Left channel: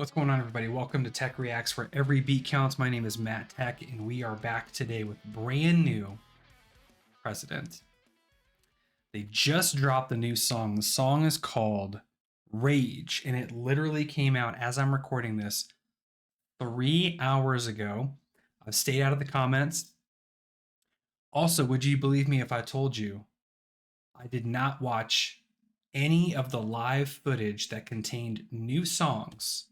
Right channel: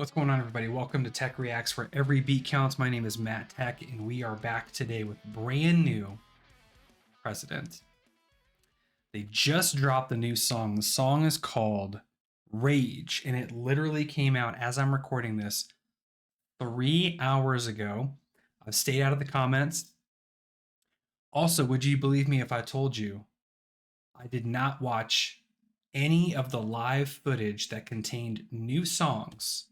What's going on, everybody? Welcome to TeckReacts, where every beat counts. My name is Matt Tech, and we are back today with brand new President. They just dropped a new song. The song is called Rage, and it literally came out as I'm recording this 3 hours ago. I've stayed out of the comments. Also, would you believe me if I told you I did not watch any of the live footage that contained new songs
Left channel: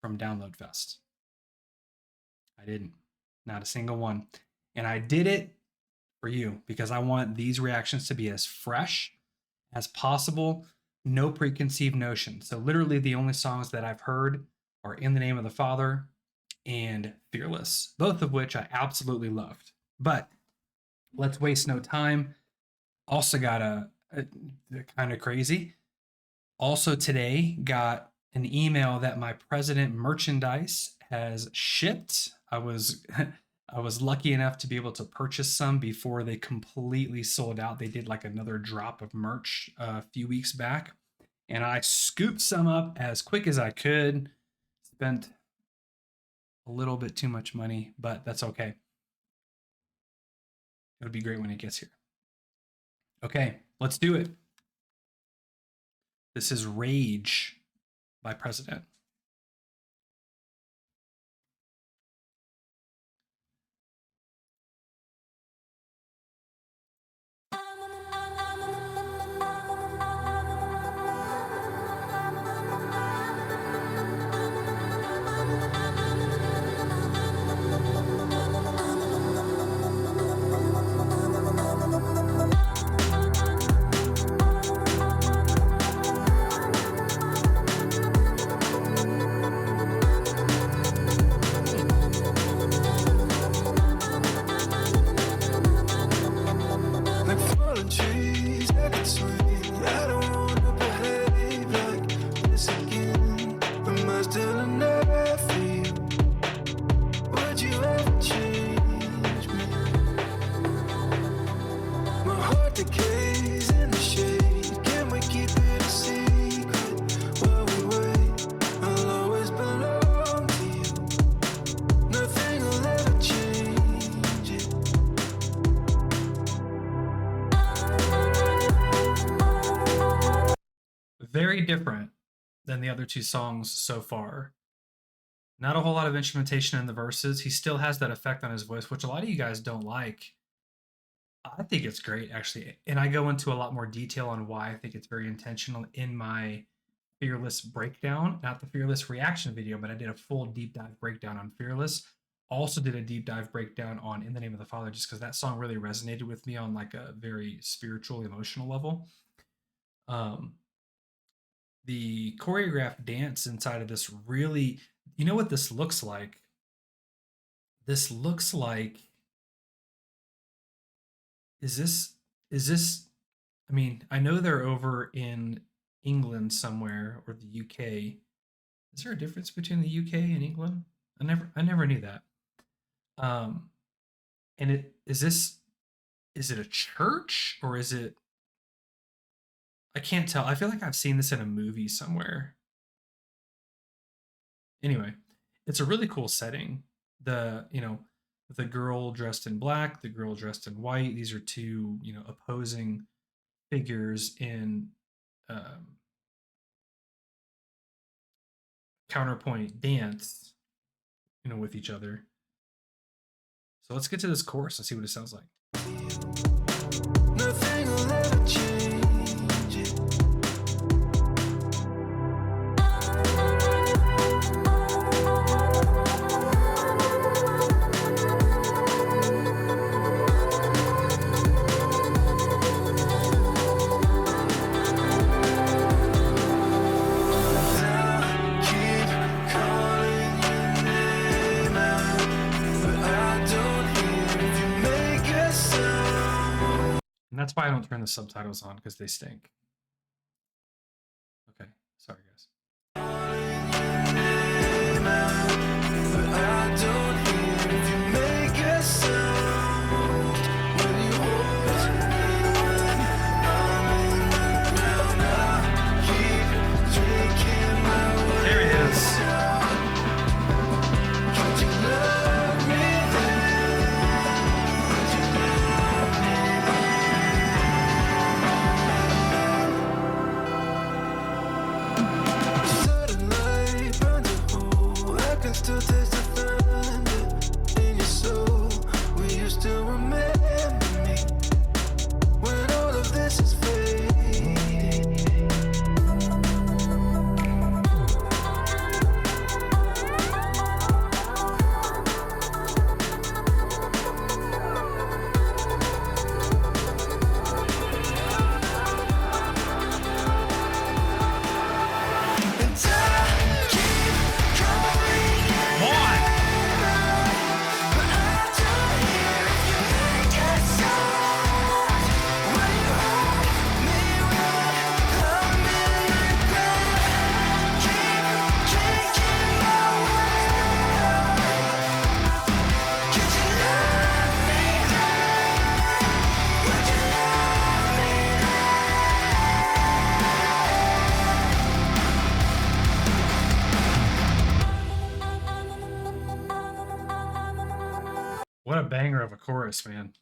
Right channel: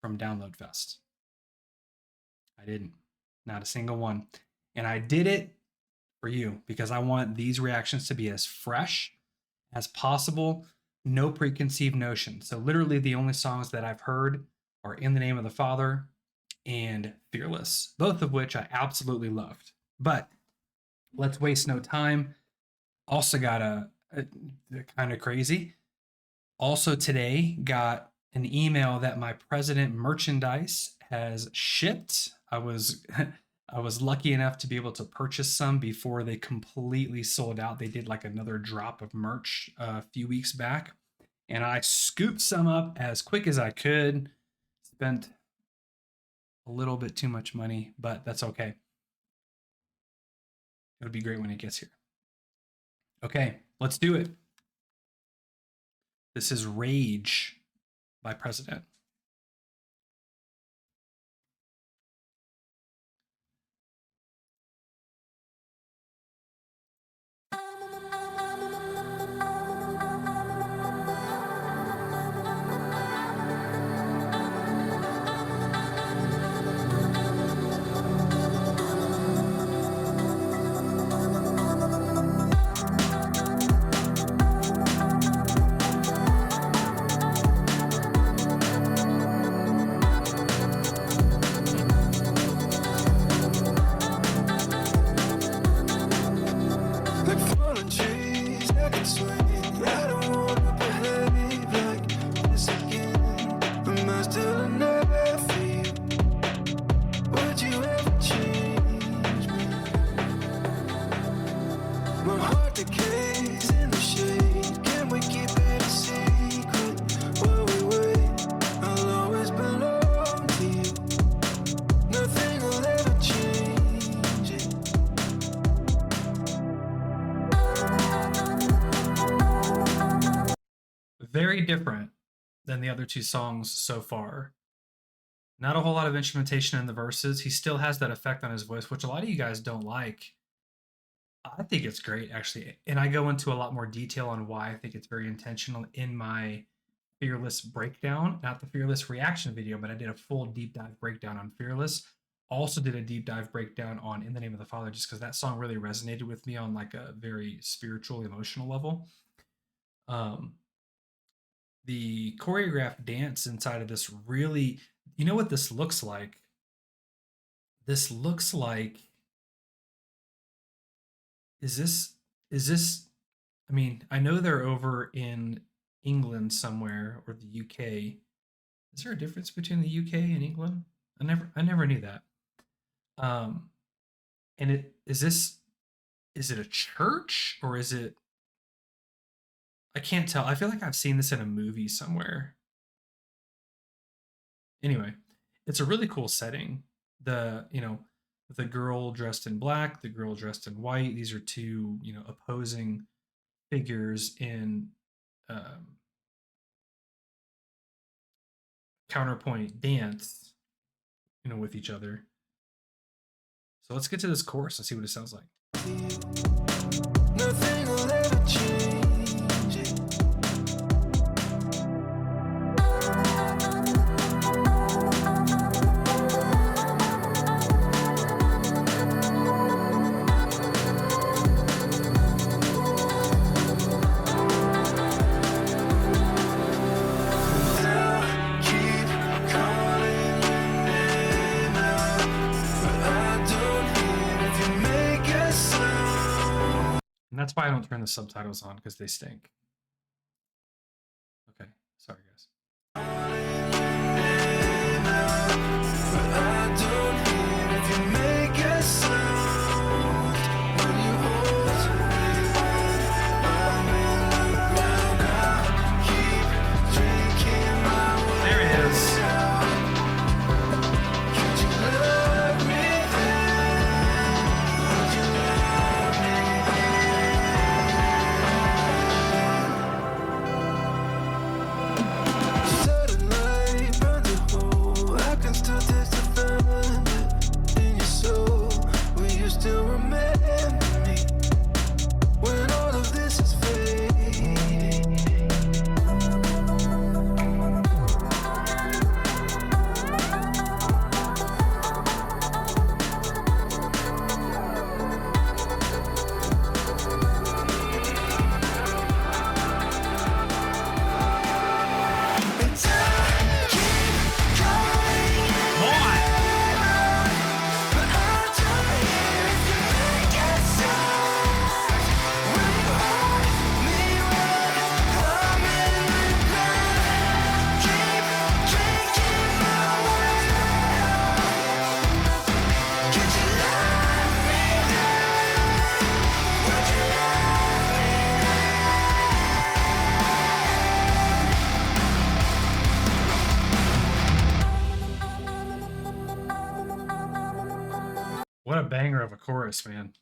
from Download Fest? I didn't. Not a single one. And I did it for you because I want these reactions to be as fresh as possible. No preconceived notions. So literally the only songs that I've heard are In the Name of the Father and Fearless, both of which I absolutely loved. But let's waste no time. Also got a kind of crazy. Also today got an email that my President merchandise has shipped. I was lucky enough to be able to purchase some before they completely sold out. They did like another drop of merch a few weeks back, and I scooped some up as quick as I could. Spent a little bit too much money, but that's okay. It'll be great when it gets here. Okay, let's do it. This is Rage by President. Very different than the other two songs so far. Not a whole lot of instrumentation in the verses. He still has that effect on his voice, which a lot of you guys don't like. I think it's great, actually. And I go into a lot more detail on why I think it's very intentional in my Fearless breakdown. Not the Fearless reaction video, but I did a full deep dive breakdown on Fearless. Also did a deep dive breakdown on In the Name of the Father, just because that song really resonated with me on like a very spiritual, emotional level. The choreographed dance inside of this really, you know what this looks like? This looks like, is this, I mean, I know they're over in England somewhere, or the UK. Is there a difference between the UK and England? I never knew that. And is it a church, or is it, I can't tell. I feel like I've seen this in a movie somewhere. Anyway, it's a really cool setting. The girl dressed in black, the girl dressed in white. These are two, opposing figures in counterpoint dance, with each other. So let's get to this chorus and see what it sounds like. And that's why I don't turn the subtitles on, because they stink. Okay, sorry guys. There he is. a banger of a chorus, man.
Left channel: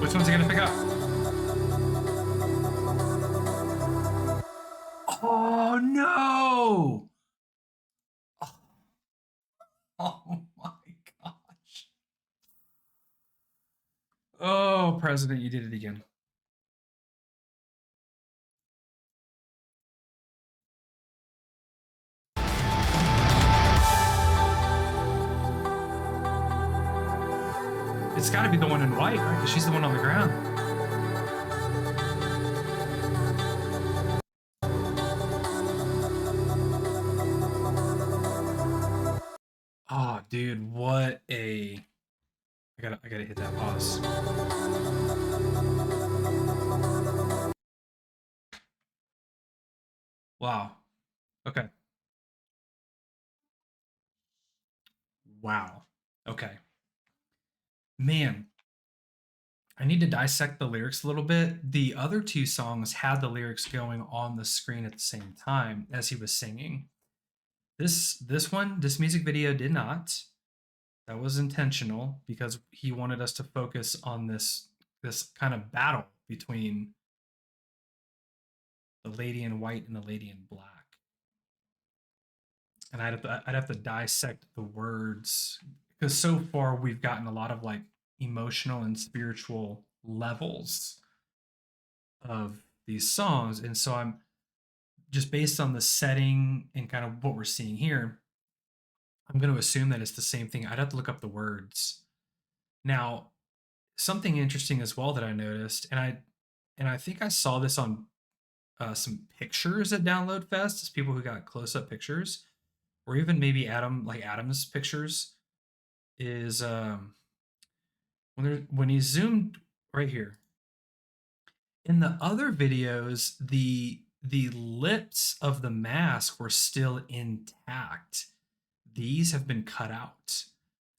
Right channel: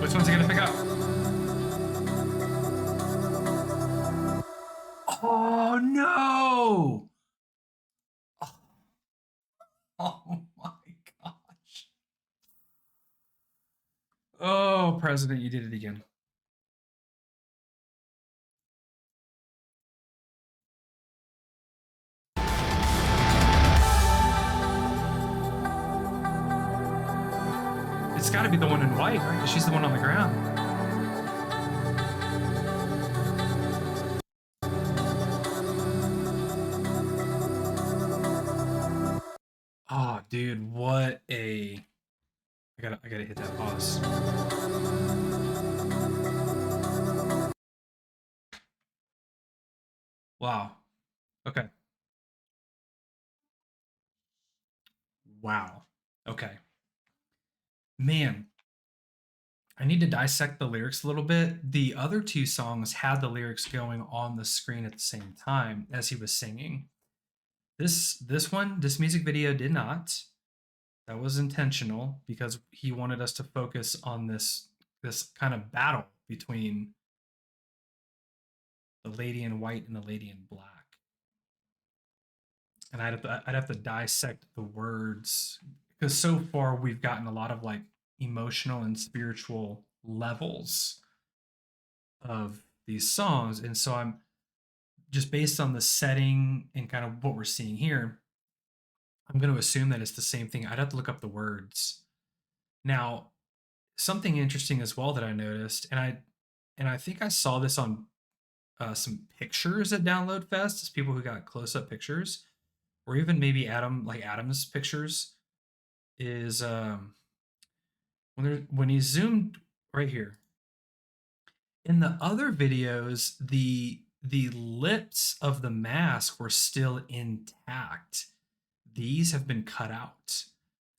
Which one's he gonna pick up? Oh no! Oh my gosh. Oh, President, you did it again. It's got to be the one in white, right? Because she's the one on the ground. Oh, dude, what a... I gotta hit that pause. Wow. Okay. Wow. Okay. Man, I need to dissect the lyrics a little bit. The other two songs had the lyrics going on the screen at the same time as he was singing. This music video did not. That was intentional because he wanted us to focus on this kind of battle between the lady in white and the lady in black. And I'd have to dissect the words because so far we've gotten a lot of like emotional and spiritual levels of these songs, and so I'm just based on the setting and kind of what we're seeing here, I'm going to assume that it's the same thing. I'd have to look up the words. Now, something interesting as well that I noticed, and I think I saw this on some pictures at Download Fest, as people who got close up pictures, or even maybe Adam's pictures, is when he zoomed right here. In the other videos, the lips of the mask were still intact. These have been cut out.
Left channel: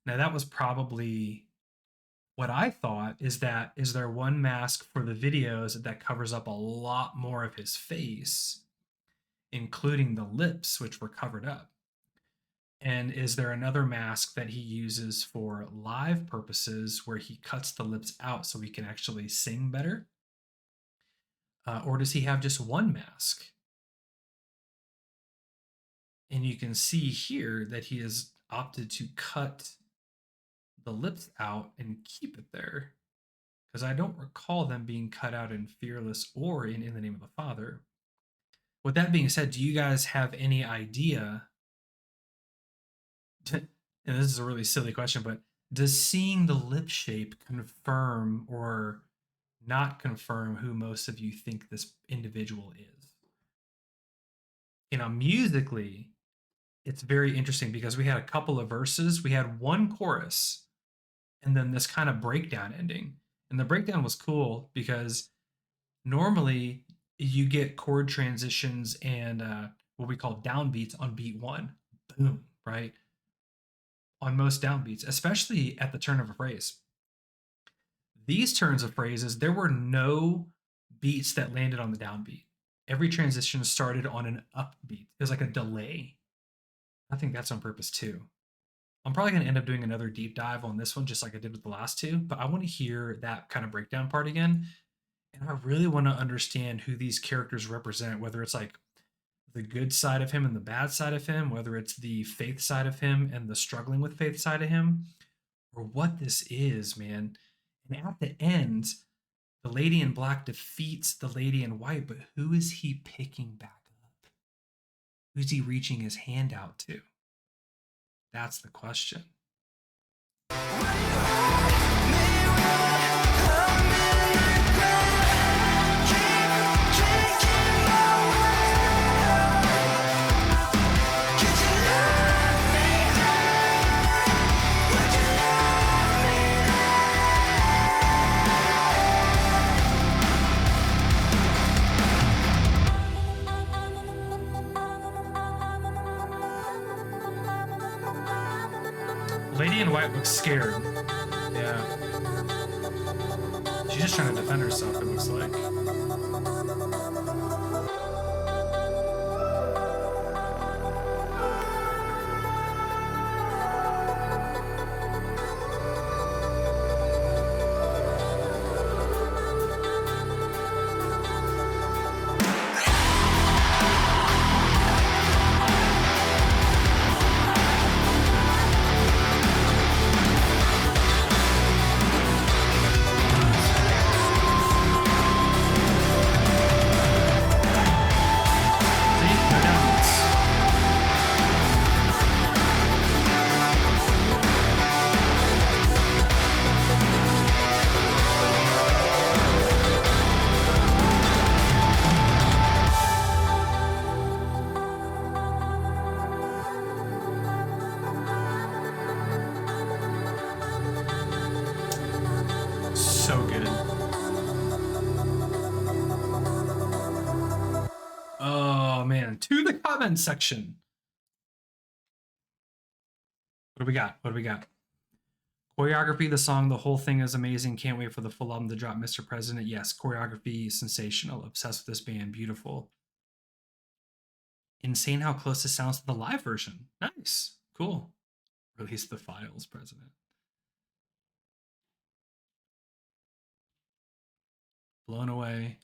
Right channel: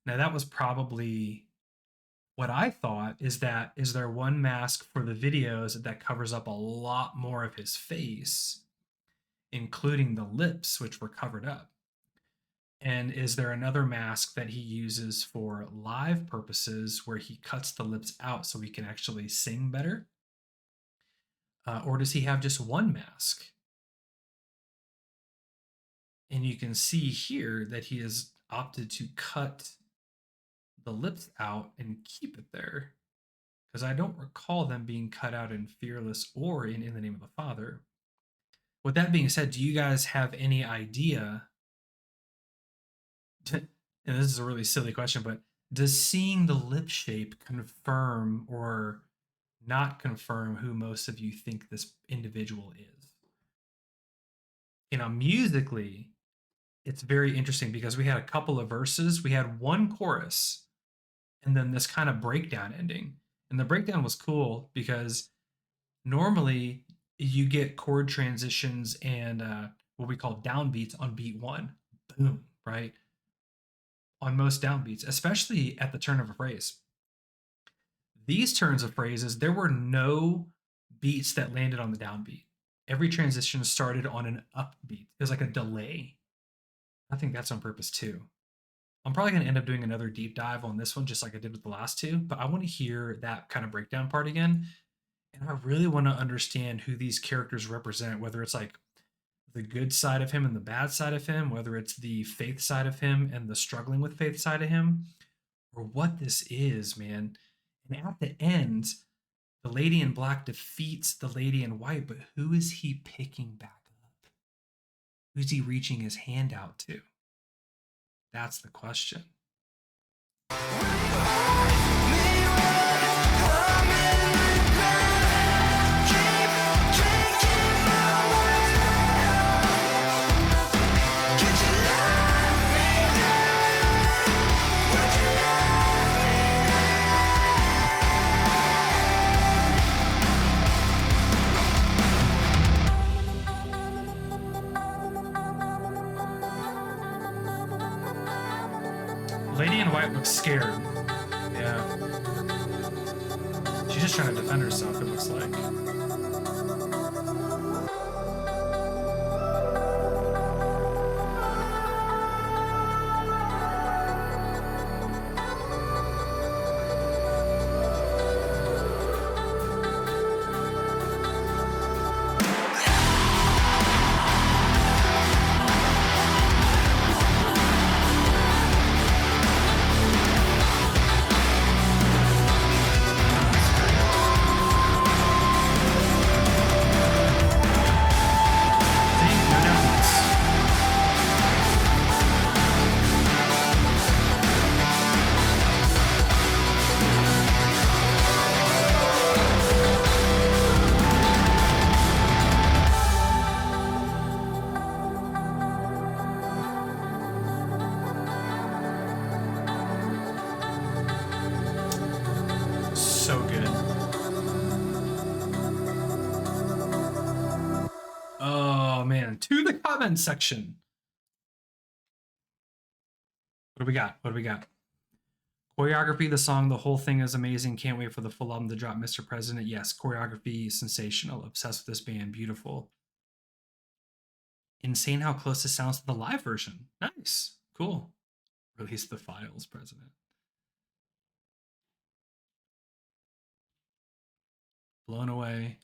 Now that was probably what I thought is there one mask for the videos that covers up a lot more of his face, including the lips, which were covered up? And is there another mask that he uses for live purposes where he cuts the lips out so he can actually sing better? Or does he have just one mask? And you can see here that he has opted to cut the lips out and keep it there, because I don't recall them being cut out in Fearless or in the Name of the Father. With that being said, do you guys have any idea? And this is a really silly question, but does seeing the lip shape confirm or not confirm who most of you think this individual is? You know, musically, it's very interesting because we had a couple of verses, we had one chorus, and then this kind of breakdown ending. And the breakdown was cool because normally you get chord transitions and what we call downbeats on beat one. Boom, right? On most downbeats, especially at the turn of a phrase. These turns of phrases, there were no beats that landed on the downbeat. Every transition started on an upbeat. It was like a delay. I think that's on purpose too. I'm probably going to end up doing another deep dive on this one, just like I did with the last two, but I want to hear that kind of breakdown part again. And I really want to understand who these characters represent, whether it's like the good side of him and the bad side of him, whether it's the faith side of him and the struggling with faith side of him, or what this is, man. And at the end, the lady in black defeats the lady in white, but who is he picking back up? Who's he reaching his hand out to? That's the question. Lady in white looks scared. Yeah. She's just trying to defend herself, it looks like. So good. Oh man, to the comment section. What do we got? What do we got? Choreography, the song, the whole thing is amazing. Can't wait for the full album to drop, Mr. President. Yes, choreography, sensational. Obsessed with this band, beautiful. Insane how close this sounds to the live version. Nice, cool. Release the files, President. Blown away.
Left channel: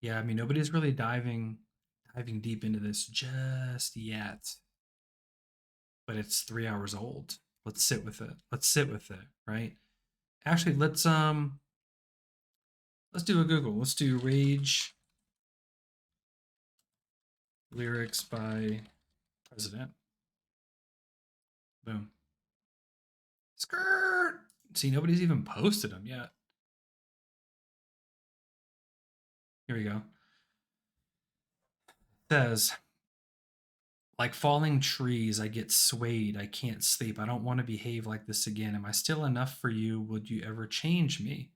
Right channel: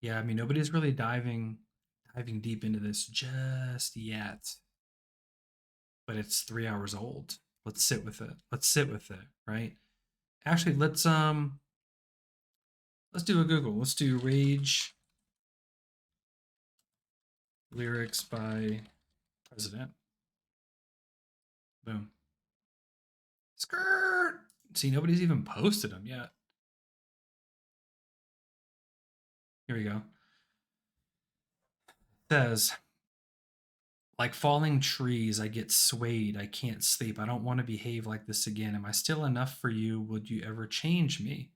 Yeah, I mean nobody's really diving deep into this just yet. But it's 3 hours old. Let's sit with it. Let's sit with it, right? Actually, let's do a Google. Let's do Rage lyrics by President. Boom. Skirt. See, nobody's even posted them yet. Here we go. It says, like falling trees, I get swayed. I can't sleep. I don't want to behave like this again. Am I still enough for you? Would you ever change me?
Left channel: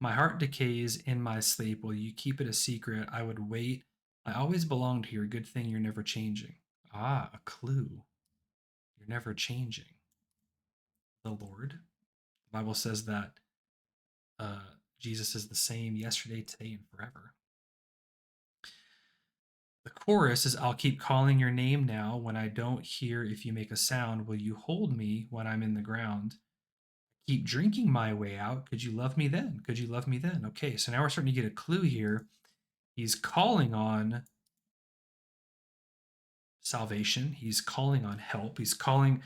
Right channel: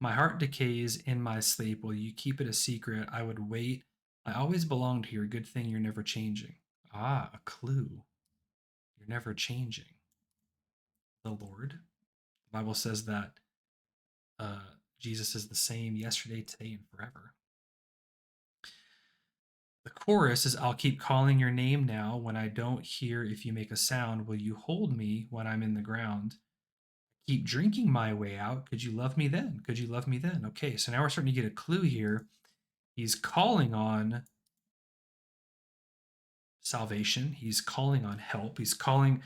My heart decays in my sleep. Will you keep it a secret? I would wait. I always belonged here. Good thing you're never changing. Ah, a clue. You're never changing. The Lord. The Bible says that Jesus is the same yesterday, today, and forever. The chorus is, I'll keep calling your name now. When I don't hear if you make a sound, will you hold me when I'm in the ground? Keep drinking my way out. Could you love me then? Could you love me then? Okay, so now we're starting to get a clue here. He's calling on salvation. He's calling on help. He's calling,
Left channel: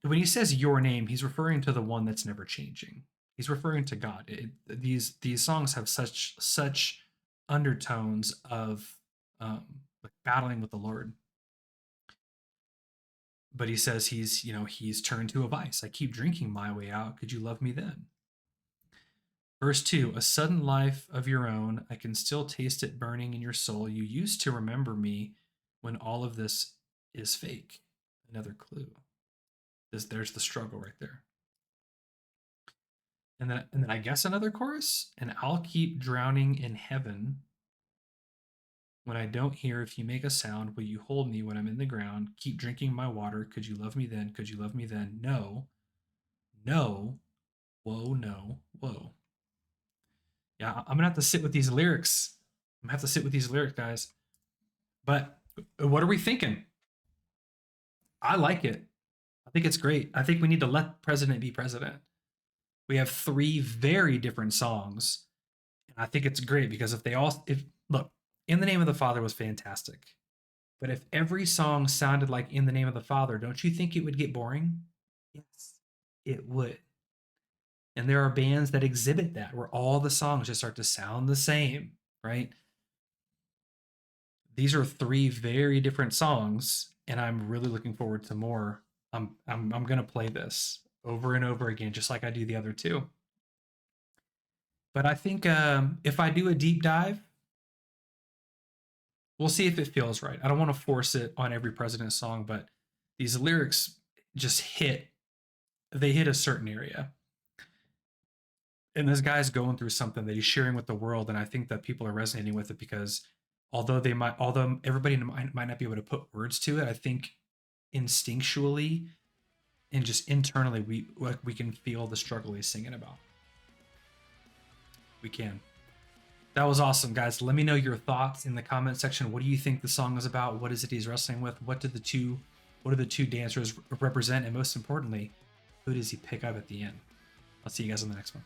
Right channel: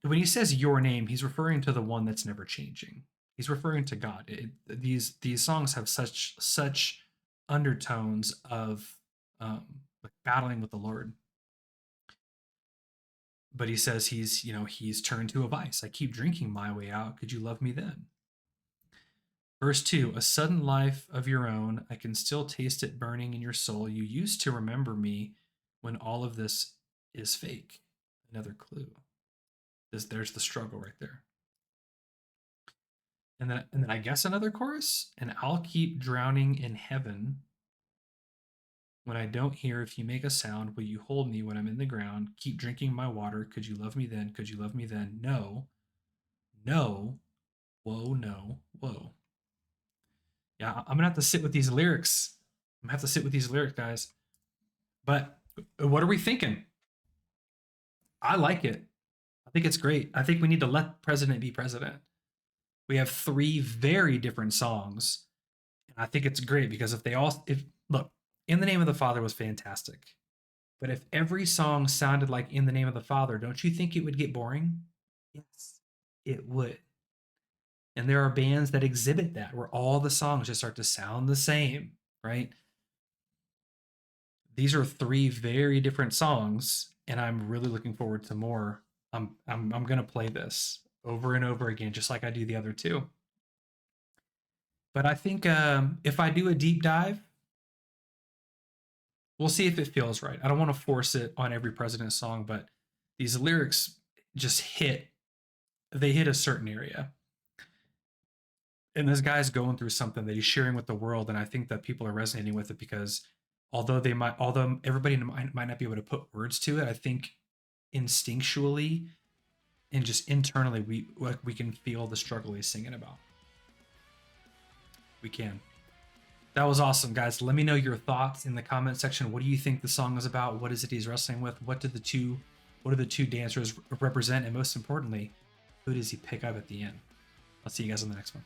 when he says your name, he's referring to the one that's never changing. He's referring to God. These songs have such undertones of like battling with the Lord. But he says he's turned to a vice. I keep drinking my way out. Could you love me then? Verse 2, a sudden life of your own. I can still taste it burning in your soul. You used to remember me when all of this is fake. Another clue. There's the struggle right there. And then I guess another chorus. And I'll keep drowning in heaven. When I don't hear if you make a sound, will you hold me when I'm in the ground? Keep drinking my water. Could you love me then? Could you love me then? No. No. Whoa, no. Whoa. Yeah, I'm gonna have to sit with these lyrics. I'm gonna have to sit with these lyrics, guys. But what are we thinking? I like it. I think it's great. I think we need to let president be president. We have 3 very different songs I think it's great because if look, In the Name of the Father was fantastic. But if every song sounded like In the Name of the Father, don't you think it would get boring? Yes, it would. And there are bands that exhibit that where all the songs just start to sound the same, right? These are three very different songs, and I'm really looking forward to more. I'm gonna play this over and over again, just like I do the other two. But I think if I do a deep dive, we'll see if it feels right. I don't want to force it on every President song, but these lyrics just hit. They hit a certain area, and this guy's going through something that he's sharing with the world, and I think that people are resonating with it because although everybody might not be able to put words to it, I think instinctually and just internally we can feel the struggle he's singing about. We can. That was awesome, guys. Let me know your thoughts in the comment section. What do you think the song is about? What is it he's wrestling with? What do the two dancers represent? And most importantly, who does he pick up at the end? I'll see you guys on the next one.